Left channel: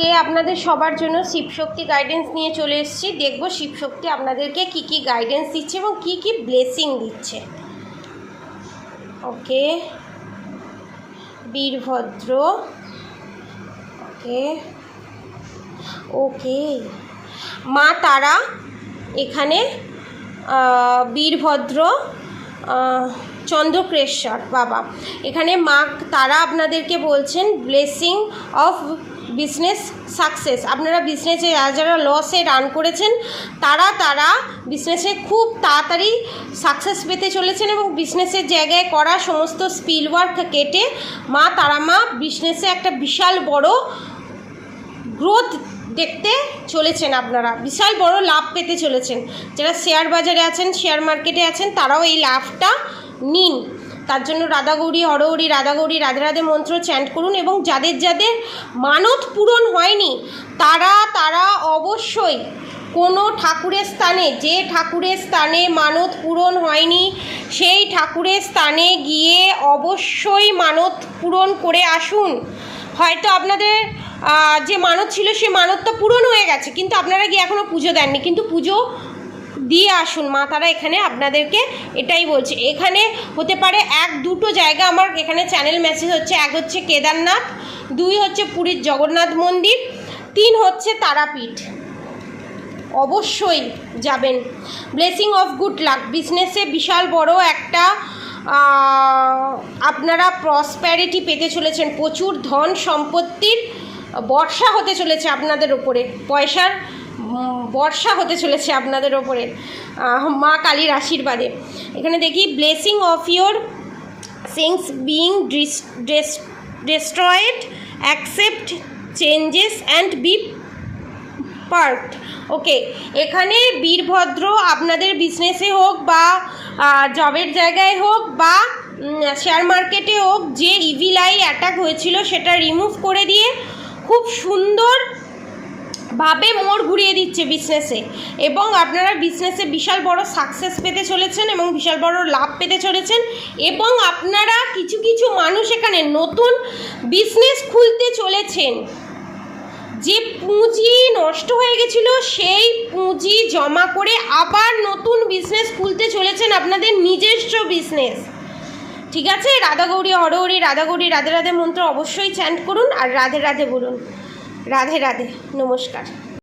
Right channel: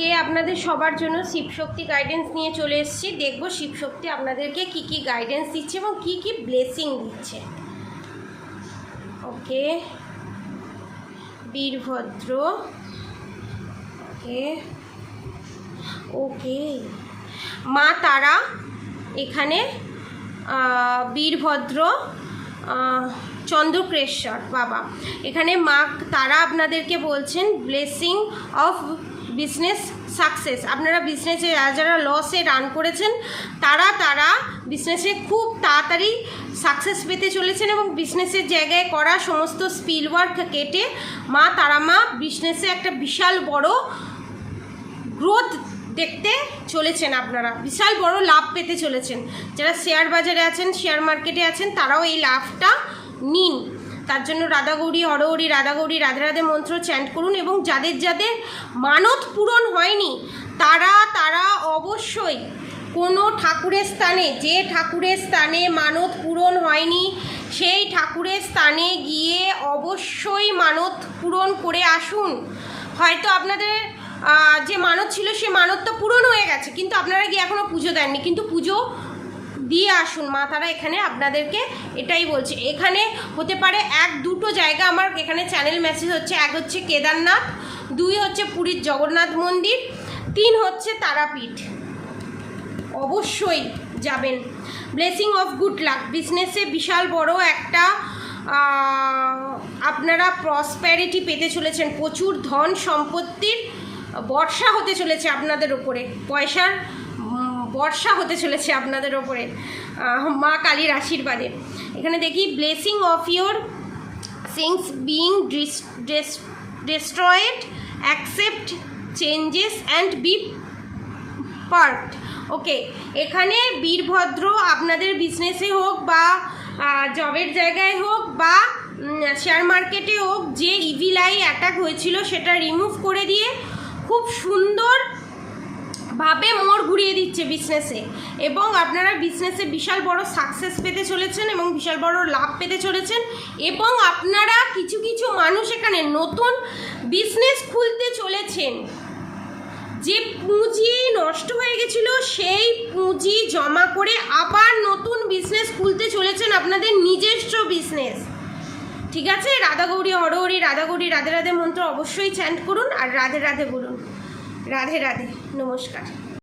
আজকে আপনাদের সবার জন্য শিবশক্তি গাইডেন্স নিয়ে চলে এসেছি। দেখব শিবশক্তি আপনাদেরকে কি কি গাইডেন্স দিচ্ছে এবং কি কি ব্লেসিং দিচ্ছে। ওকে, বীরভদ্র, ওকে ওকে, মা তারা এখানে, বীরভদ্র, চন্দ্রকেশ্বর বাবা এখানে, মা তারা আপনাদেরকে বলছেন ব্লেসিং অফ বিজনেস সাকসেস। আপনারা বিজনেসে যারা লসে রান করেছেন তারা বিজনেসে খুব তাড়াতাড়ি সাকসেস পেতে চলেছেন এবং বিজনেসের জায়গায় করা সমস্ত স্পিল ওয়ার্ক কেটে মা তারা মা বিজনেসে একটা বিশাল বড় গ্রোথ দেখতে চলেছেন। আপনারা বিশাল বড় লাভ পেতে চলেছেন। যারা শেয়ার বাজারে আছেন, শেয়ার মার্কেটে আছেন, তারাও এই লাভটা নিন। তার জন্য রাধাগৌরী হরহরি, রাধাগৌরী রাধে রাধে মন্ত্র চ্যান্ট করুন এবং যাদের যাদের মানত পূরণ হয়নি তারা অবশ্যই কোনো ঠাকুরের স্থানে, যে ঠাকুরের স্থানে মানত পূরণ হয়নি সেই ঠাকুরের স্থানে গিয়ে অবশ্যই মানত পূরণ করে আসুন। হয়তো আপনাদের যে মানত ছিল সে মানতটা পূরণ হয়ে গেছে, কিন্তু আপনারা গিয়ে এখনও পুজো দেননি, কিন্তু পুজো দিয়ে আসুন। মা তারা এখানে আপনাদেরকে এটাই বলছে। এখানে হতে পারে এক দুটো জায়গা আমার এখানে চ্যানেল মেসেজ হচ্ছে। এক হচ্ছে কেদারনাথ, 2 হচ্ছে পুরীর জগন্নাথ মন্দির, 3 হচ্ছে তারাপীঠ। অবশ্যই যাবেন। ব্লেসিং অফ গুড লাক, বিজনেসে বিশাল বড় একটা আপনারা প্রসপ্যারিটি পেতে চলেছেন। প্রচুর ধন সম্পত্তির বর্ষা হতে চলেছে আপনাদের ওপরে, পয়সার বর্ষা হতে চলেছে আপনাদের ওপরে মা কালীর আশীর্বাদে। এখানে দেখি blessing of your things being destroyed, accept changes and be part. Okay, এখানে বীরভদ্র আপনাদের বিজনেসে হোক বা জবের জায়গায় হোক বা শেয়ার মার্কেটে হোক, যে ইভিল আই অ্যাটাক হয়েছিল সেটা রিমুভ করে দিয়ে খুব সুন্দরভাবে মোড় ঘুরিয়ে দিচ্ছে বিজনেসে এবং আপনারা বিজনেসে বিশাল বড় সাকসেস পেতে চলেছেন এবং বিশাল বড় লাভ পেতে চলেছেন। এবং আপনারা কিছু কিছু মানুষ এখানে নতুন বিজনেস খুলতে চলেছেন। যে পুঁজি নষ্ট হয়ে গেছিল সেই পুঁজি জমা করে আবার নতুন বিজনেস খুলতে চলেছেন, আপনাদের নিজস্ব বিজনেস। ঠিক আছে, রাধাগৌরী হরহরি, রাধাগৌরী রাধে রাধে মন্ত্র অবশ্যই চ্যান্ট করুন আর রাধে রাধে বলুন। রাধে রাধে, নমস্কার।